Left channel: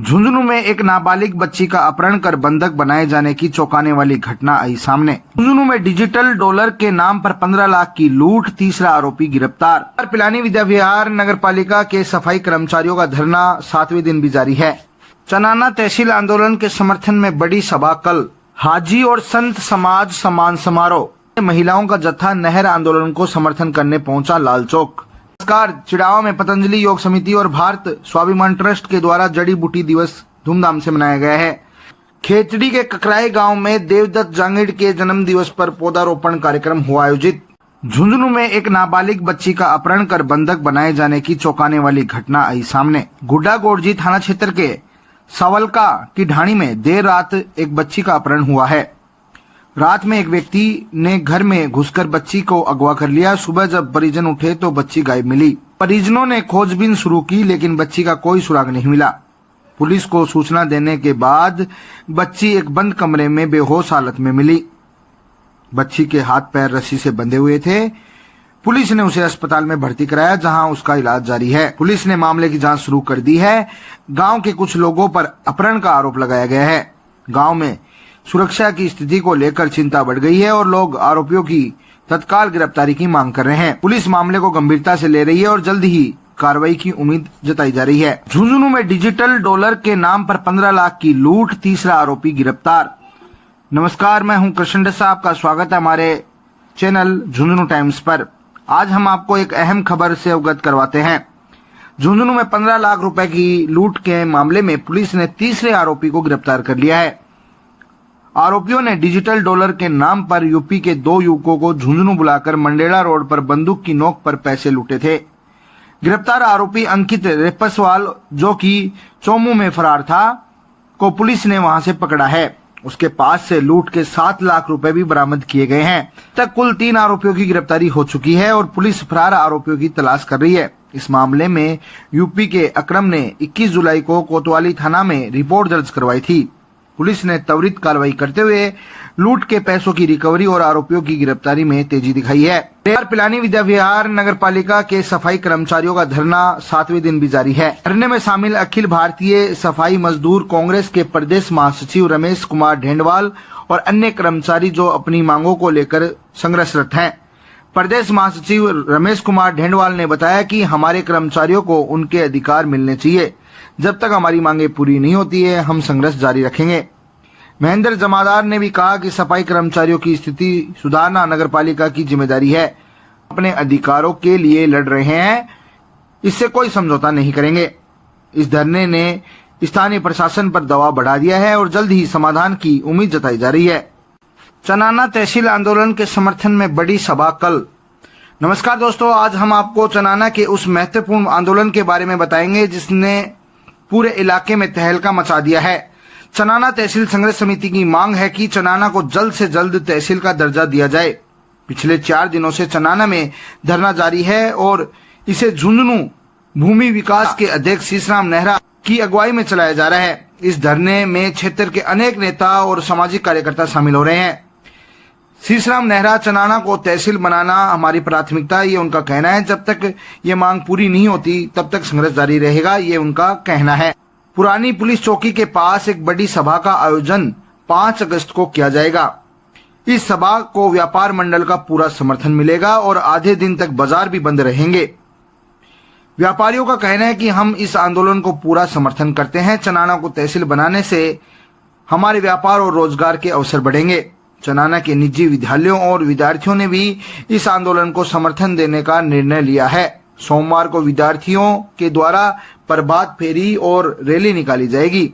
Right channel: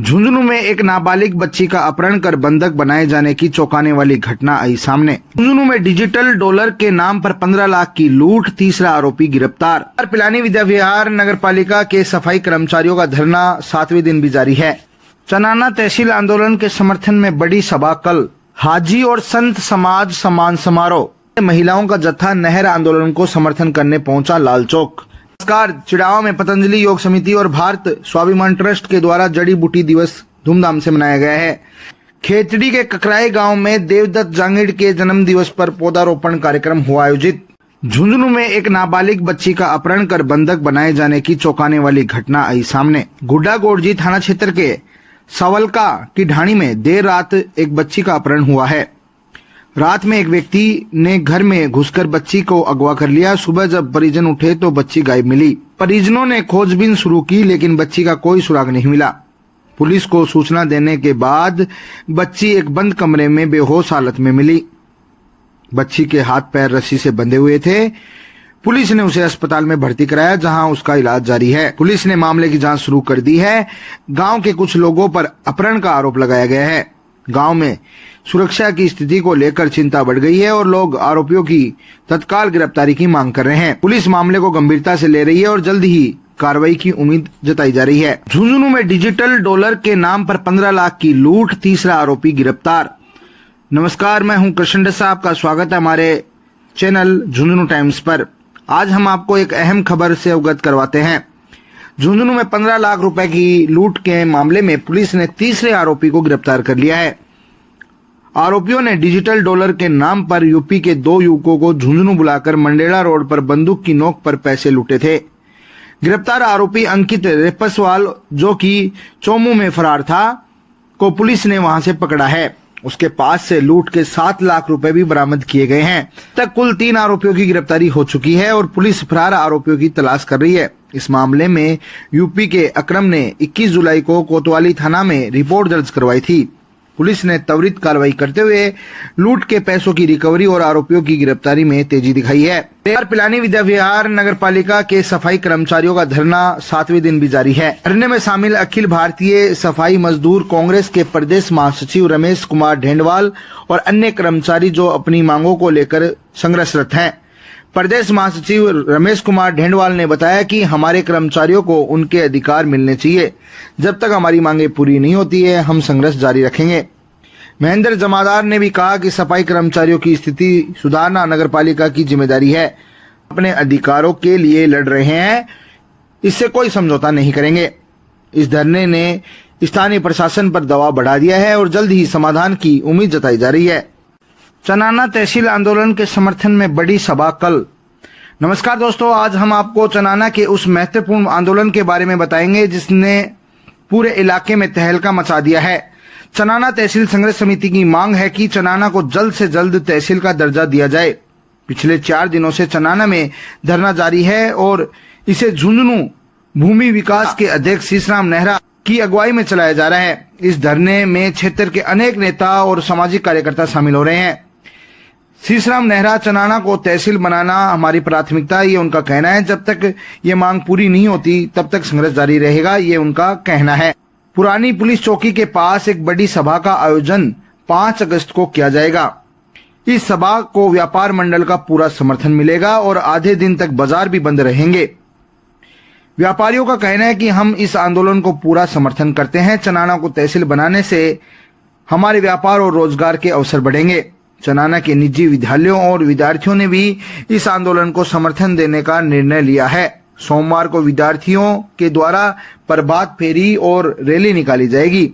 झुंझुनू में एक नाबालिग बच्ची का अपहरण कर बंधक बनाए जाने की चौंकाने वाली घटना आई सामने। झुंझुनू में डिजिटल डॉलर के नाम पर 15 लाख की लूट, तीसरा आरोपी गिरफ्तार। पिलानी विद्या विहार नगर पालिका के सफाई कर्मचारियों का धरना 7वें दिन भी जारी है। चनाना तहसील आंदोलन के समर्थन में बड़ी सभा कल। हाजी और संत समाज सम्मान समारोह। महिलाओं का जत्था नहर आंदोलन को समर्थन करने पहुंचा लाल चौक। चिड़ावा में पतंजलि योग समिति और भारत स्वाभिमान ट्रस्ट के द्वारा जड़ी बूटी दिवस धूमधाम से मनाया गया है। खेतड़ी के ककराई गांव में देवदत्त जांगिड़ के जन्म दिवस पर पौधारोपण कार्यक्रम हुआ आयोजित। झुंझुनू में एक नाबालिग बच्ची का अपहरण कर बंधक बनाए जाने की चौंकाने वाली घटना आई सामने। गुड्डा गोड़जी थाना क्षेत्र के सवलका की ढाणी में देर रात एक बच्ची का अपहरण हुआ है। रात में एक व्यक्ति ने घर में घुसकर बच्ची को अगवा कर लिया। सुबह जब परिजन उठे तो बच्ची गायब मिली। परिजनों ने खोजबीन शुरू की लेकिन बच्ची का कोई सुराग नहीं मिला। पुलिस को सूचना देने के बाद बच्ची एक बंद कमरे में बेहोश हालत में मिली। बच्ची के हाथ पैर रस्सी से बंधे हुए थे। पुलिस ने उसे अस्पताल में भर्ती कराया जहां उसका इलाज जारी है। पुलिस ने मामले की जांच शुरू कर दी है। गांव के कुछ लोगों पर अपहरण का आरोप लगाया गया है। गांव में सुरक्षा की स्थिति को लेकर चिंता बढ़ गई है और लोग आरोपियों की तत्काल गिरफ्तारी की मांग कर रहे हैं। पुलिस मामले को गंभीरता से ले रही है और जल्द ही कार्रवाई की उम्मीद जताई जा रही है। झुंझुनू में डिजिटल डॉलर के नाम पर 15 लाख की लूट, तीसरा आरोपी गिरफ्तार। नमस्कार, मैं हूं कृष्ण डसा। आपका स्वागत है हमारे चैनल झुंझुनू टाइम्स पर। आज हम आपको एक अहम खबर से अवगत करवाते हैं। झुंझुनू में 15 लाख रुपए की लूट के मामले में पुलिस ने तीसरे आरोपी को गिरफ्तार कर लिया है। आरोपियों ने डिजिटल डॉलर के नाम पर यूपी के 2 युवकों को झुंझुनू बुलाकर मंडेला रोड पर बंदूक की नोक पर पैसे लूटे थे। गिरफ्तार आरोपी अंकित रेपसवाल, जो कि चोमू में फरार था, को पुलिस ने वहां से पकड़ा है। उसके पास से लूट के 7 लाख रुपए भी बरामद किए गए हैं। तक कुल 3 आरोपियों की गिरफ्तारी हो चुकी है और पुलिस फरार आरोपियों की तलाश कर रही है। इस मामले में यूपी के अकरम ने 21 जुलाई को कोतवाली थाना में रिपोर्ट दर्ज करवाई थी। पुलिस ने त्वरित कार्रवाई करते हुए लूट के पैसों की रिकवरी और आरोपियों की गिरफ्तारी में तेजी दिखाई है। पिलानी विद्या विहार नगर पालिका के सफाई कर्मचारियों का धरना 7वें दिन भी जारी है। धरने में शामिल अखिल भारतीय सफाई मजदूर कांग्रेस के प्रदेश महासचिव रमेश कुमार ढेंडवाल और अन्य कर्मचारी जो अपनी मांगों को लेकर संघर्षरत हैं। प्रदेश महासचिव रमेश कुमार ढेंडवाल ने बताया कि हमारे कर्मचारियों को उनके अधिकार मिलने चाहिए। जब तक हमारी मांगे पूरी नहीं होती है हम संघर्ष जारी रखेंगे। महेंद्र जमादार ने भी कहा कि सफाई कर्मचारियों की स्थिति सुधारना नगरपालिका की जिम्मेदारी है। अपने अधिकारों के लिए लड़ रहे हैं, इससे कोई समझौता नहीं करेंगे। इस धरने ने स्थानीय प्रशासन पर दबाव बढ़ा दिया है और जल्द ही समाधान की उम्मीद जताई जा रही है। चनाना तहसील आंदोलन के समर्थन में बड़ी सभा कल। नमस्कार दोस्तों, आज हम आपको चनाना के उस महत्वपूर्ण आंदोलन के बारे में बताएंगे जिसने पूरे इलाके में तहलका मचा दिया है। चनाना तहसील संघर्ष समिति की मांग है कि चनाना को जल्द से जल्द तहसील का दर्जा दिया जाए। पिछले 4 दिनों से चनाना में धरना जारी है और इसे झुंझुनू भूमि विकास के अध्यक्ष शीशराम नेहरा की अगुवाई में चलाया जा रहा है। इस धरने में क्षेत्र के अनेक नेता और सामाजिक कार्यकर्ता शामिल हो रहे हैं। शीशराम नेहरा, चनाना को तहसील बनाना हमारी प्राथमिकता, ये उनका कहना है। जब तक ये मांग पूरी नहीं होती तब तक संघर्ष जारी रहेगा, ये उनका कहना है। पुरानी पुलिस चौकी के पास एक बड़ी सभा का आयोजन 5 अगस्त को किया जाएगा। इस सभा को व्यापार मंडल का पूरा समर्थन मिलेगा और आधे दिन तक बाजार भी बंद रहेंगे। व्यापारियों का कहना है कि हम इस आंदोलन को पूरा समर्थन करते हैं। चनाना को तहसील बनाने से हमारे व्यापार और रोजगार के अवसर बढ़ेंगे। चनाना के निजी विद्यालयों और विद्यार्थियों ने भी इस आंदोलन को समर्थन देने का निर्णय लिया है। सोमवार को विद्यार्थियों के द्वारा प्रभात फेरी और रैली निकाली जाएगी।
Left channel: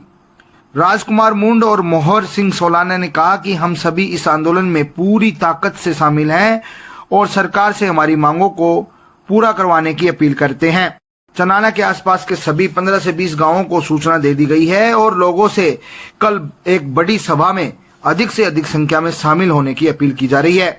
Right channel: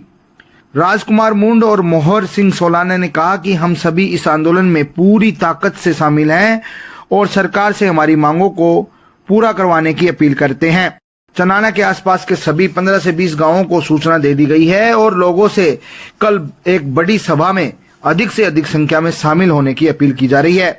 राजकुमार मुंड और मोहर सिंह सोलाना ने कहा कि हम सभी इस आंदोलन में पूरी ताकत से शामिल हैं और सरकार से हमारी मांगों को पूरा करवाने की अपील करते हैं। चनाना के आसपास के सभी 15 से 20 गांवों को सूचना दे दी गई है और लोगों से कल एक बड़ी सभा में अधिक से अधिक संख्या में शामिल होने की अपील की जा रही है।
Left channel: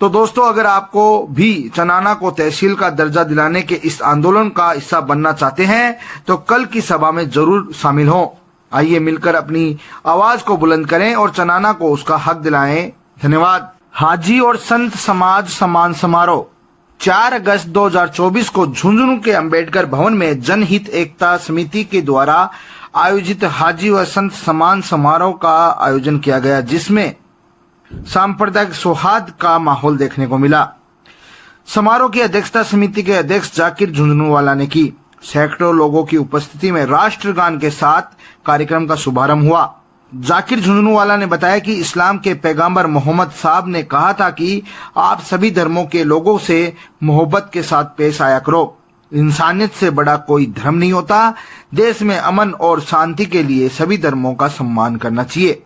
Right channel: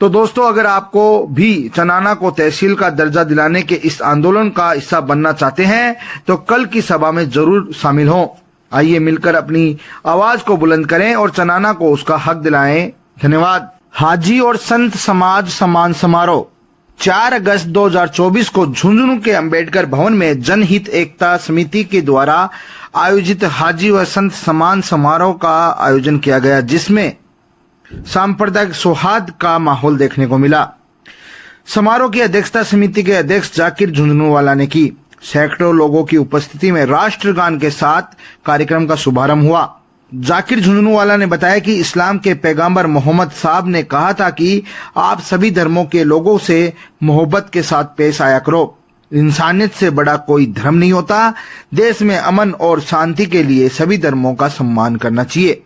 तो दोस्तों, अगर आपको भी चनाना को तहसील का दर्जा दिलाने के इस आंदोलन का हिस्सा बनना चाहते हैं तो कल की सभा में जरूर शामिल हों। आइए मिलकर अपनी आवाज को बुलंद करें और चनाना को उसका हक दिलाएं। धन्यवाद। हाजी और संत समाज सम्मान समारोह। 4 अगस्त 2024 को झुंझुनू के अंबेडकर भवन में जनहित एकता समिति के द्वारा आयोजित हाजी व संत सम्मान समारोह का आयोजन किया गया, जिसमें सांप्रदायिक सौहार्द का माहौल देखने को मिला। समारोह की अध्यक्षता समिति के अध्यक्ष जाकिर झुंझुनूवाला ने की। सैकड़ों लोगों की उपस्थिति में राष्ट्रगान के साथ कार्यक्रम का शुभारंभ हुआ। जाकिर झुंझुनूवाला ने बताया कि इस्लाम के पैगंबर मोहम्मद साहब ने कहा था कि आप सभी धर्मों के लोगों से मोहब्बत के साथ पेश आया करो। इंसानियत से बड़ा कोई धर्म नहीं होता। देश में अमन और शांति के लिए सभी धर्मों का सम्मान करना चाहिए।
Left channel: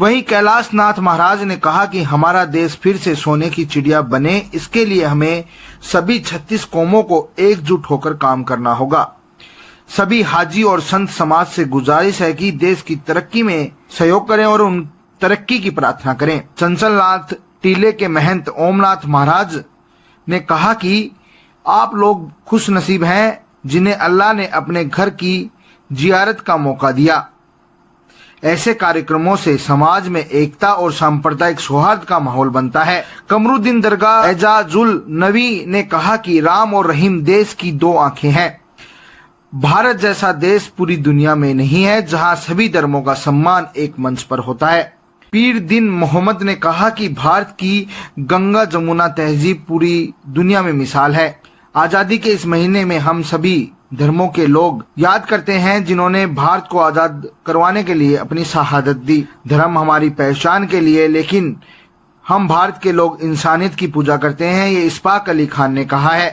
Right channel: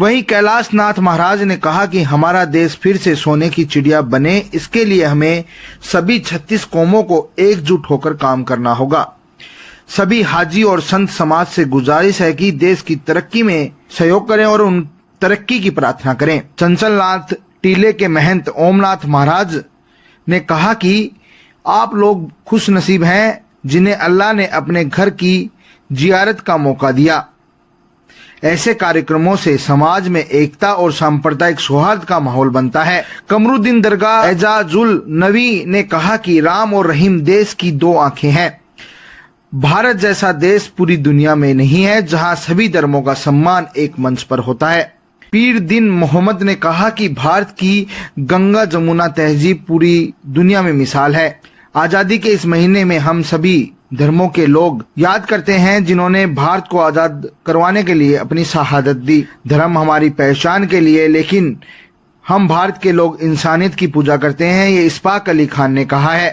वहीं कैलाश नाथ महाराज ने कहा कि हमारा देश फिर से सोने की चिड़िया बने, इसके लिए हमें सभी 36 कौमों को एकजुट होकर काम करना होगा। सभी हाजी और संत समाज से गुजारिश है कि देश की तरक्की में सहयोग करें और उन तरक्की की प्रार्थना करें। चंचलनाथ टीले के महंत ओमनाथ महाराज ने कहा कि आप लोग खुश नसीब हैं जिन्हें अल्लाह ने अपने घर की जियारत का मौका दिया। ऐसे कार्यक्रमों से समाज में एकता और सांप्रदायिक सौहार्द का माहौल बनता है। कमरुद्दीन दरगाह एजाजुल नबी ने कहा कि राम और रहीम देश की दो आंखें हैं। भारत जैसा देश पूरी दुनिया में नहीं है जहां सभी धर्मों का सम्मान एक मंच पर होता है। पीर दिन मोहम्मद ने कहा कि भारत की गंगा जमुना तहजीब पूरी दुनिया में मिसाल है। आजादी के इस महीने में हम सभी धर्मों के लोग याद करते हैं जिन्होंने भारत को आजाद करवाने के लिए अपनी शहादत दी। धर्म हमारी पहचान के लिए, लेकिन हम भारत के लोग इंसानियत की पूजा करते हैं, ये इस्पाक अली खान ने कहा है।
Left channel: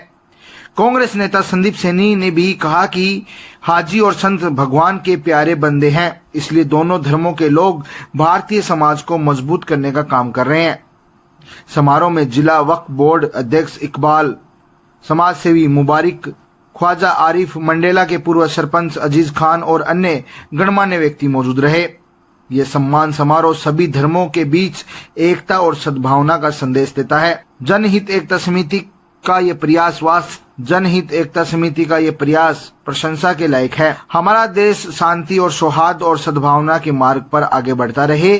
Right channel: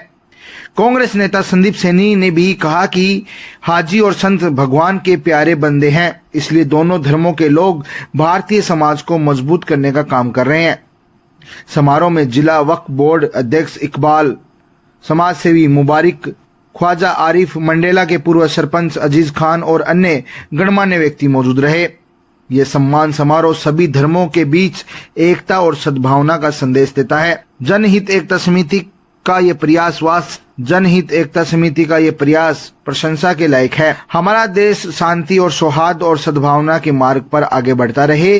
कांग्रेस नेता संदीप सैनी ने भी कहा कि हाजी और संत भगवान के प्यारे बंदे हैं, इसलिए दोनों धर्मों के लोग भारतीय समाज को मजबूत करने का काम कर रहे हैं। समारोह में जिला वक्फ बोर्ड अध्यक्ष इकबाल, समाज सेवी मुबारक, ख्वाजा आरिफ, मंडेला के पूर्व सरपंच अजीज खान और अन्य गणमान्य व्यक्ति मौजूद रहे। ये सम्मान समारोह सभी धर्मों के बीच एकता और सद्भावना का संदेश देता है। जनहित एकता समिति का ये प्रयास प्रशंसा के लायक है। हमारा देश शांति और सौहार्द और सद्भावना के मार्ग पर आगे बढ़ता रहे,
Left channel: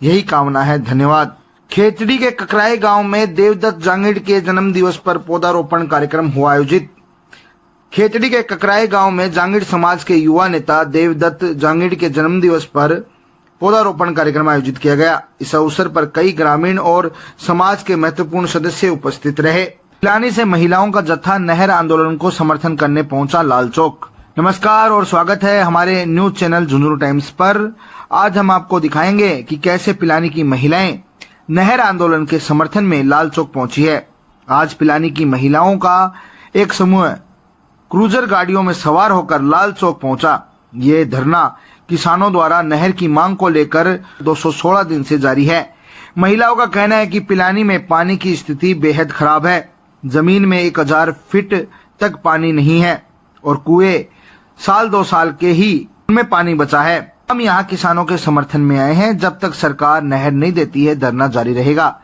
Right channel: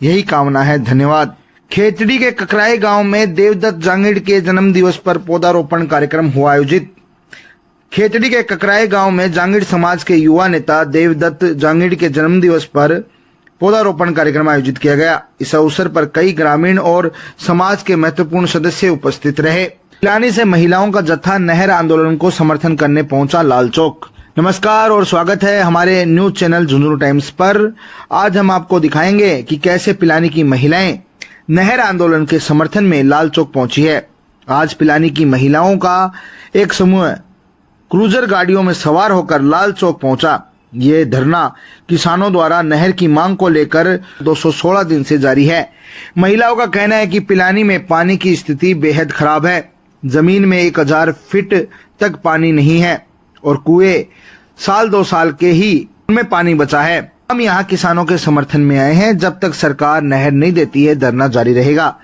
यही कामना है। धन्यवाद। खेतड़ी के ककराई गांव में देवदत्त जांगिड़ के जन्म दिवस पर पौधारोपण कार्यक्रम हुआ आयोजित। खेतड़ी के ककराई गांव में जांगिड़ समाज के युवा नेता देवदत्त जांगिड़ के जन्म दिवस पर पौधारोपण कार्यक्रम आयोजित किया गया। इस अवसर पर कई ग्रामीण और समाज के महत्वपूर्ण सदस्य उपस्थित रहे। पिलानी से महिलाओं का जत्था नहर आंदोलन को समर्थन करने पहुंचा लाल चौक। नमस्कार और स्वागत है हमारे न्यूज चैनल झुंझुनू टाइम्स पर। आज हम आपको दिखाएंगे कि कैसे पिलानी की महिलाएं नहर आंदोलन के समर्थन में लाल चौक पहुंची है। आज पिलानी की महिलाओं का एक समूह क्रूजर गाड़ियों में सवार होकर लाल चौक पहुंचा। ये धरना किसानों द्वारा नहर की मांग को लेकर 216 दिन से जारी है। महिलाओं का कहना है कि पिलानी में पानी की स्थिति बेहद खराब है। जमीन में 1000 फीट तक पानी नहीं है और कुएं साल 2 साल के ही उनमें पानी बचा है। हम यहाँ किसानों के समर्थन में आए हैं। जब तक सरकार नहर नहीं देती है, धरना जारी रहेगा।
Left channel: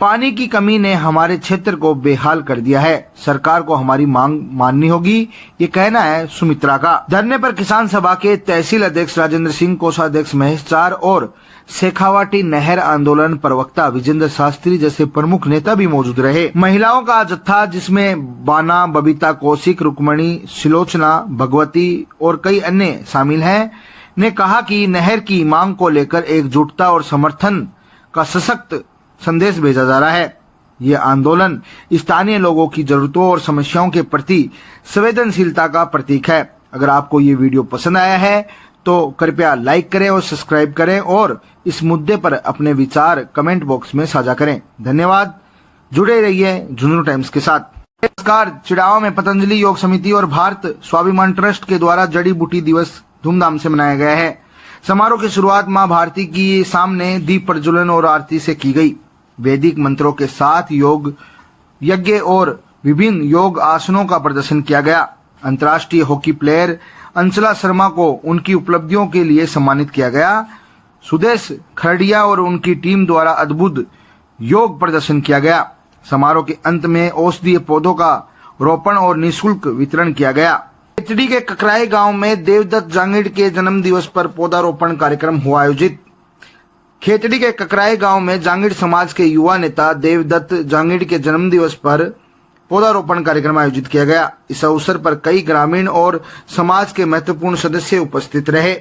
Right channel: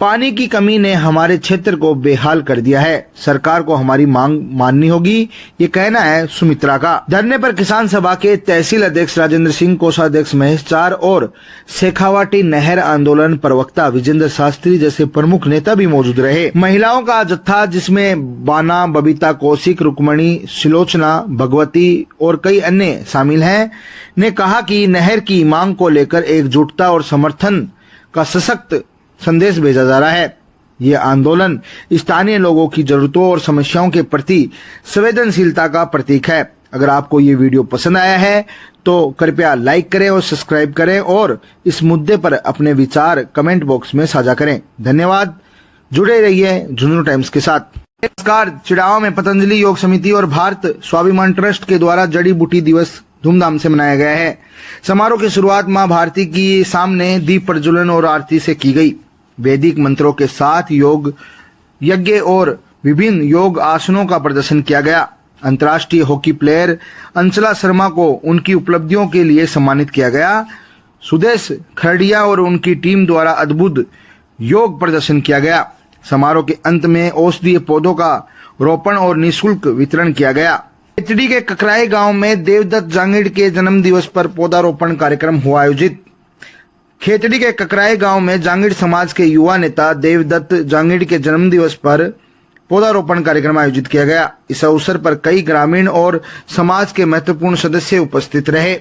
पानी की कमी ने हमारे क्षेत्र को बेहाल कर दिया है। सरकार को हमारी मांग माननी होगी, ये कहना है सुमित्रा का। धरने पर किसान सभा के तहसील अध्यक्ष राजेंद्र सिंह, कोषाध्यक्ष महेश चार और शेखावाटी नहर आंदोलन प्रवक्ता विजेंद्र शास्त्री जैसे प्रमुख नेता भी मौजूद रहे। महिलाओं का जत्था जिसमें बाना, बबीता कौशिक, रुक्मणी, सिलोचना, भगवती और कई अन्य शामिल हैं, ने कहा कि नहर की मांग को लेकर एकजुटता और समर्थन का सशक्त संदेश भेजा जा रहा है। ये आंदोलन स्थानीय लोगों की जरूरतों और समस्याओं के प्रति संवेदनशीलता का प्रतीक है। अगर आपको ये वीडियो पसंद आया है तो कृपया लाइक करें और सब्सक्राइब करें और इस मुद्दे पर अपने विचार कमेंट बॉक्स में साझा करें। धन्यवाद। जुड़े रहिए झुंझुनू टाइम्स के साथ। नमस्कार। चिड़ावा में पतंजलि योग समिति और भारत स्वाभिमान ट्रस्ट के द्वारा जड़ी बूटी दिवस धूमधाम से मनाया गया है। समारोह की शुरुआत मां भारती की सामने दीप प्रज्वलन और आरती से की गई। वैदिक मंत्रों के साथ योग यज्ञ और विभिन्न योग आसनों का प्रदर्शन किया गया। अंतर्राष्ट्रीय हॉकी प्लेयर अंचला शर्मा को उनकी उपलब्धियों के लिए सम्मानित किया गया। सुदेश खरडिया और उनकी टीम द्वारा अद्भुत योग प्रदर्शन किया गया। समारोह के अंत में औषधीय पौधों का रोपण और निःशुल्क वितरण किया गया। खेतड़ी के ककराई गांव में देवदत्त जांगिड़ के जन्म दिवस पर पौधारोपण कार्यक्रम हुआ आयोजित। खेतड़ी के ककराई गांव में जांगिड़ समाज के युवा नेता देवदत्त जांगिड़ के जन्म दिवस पर पौधारोपण कार्यक्रम आयोजित किया गया। इस अवसर पर कई ग्रामीण और समाज के महत्वपूर्ण सदस्य उपस्थित रहे।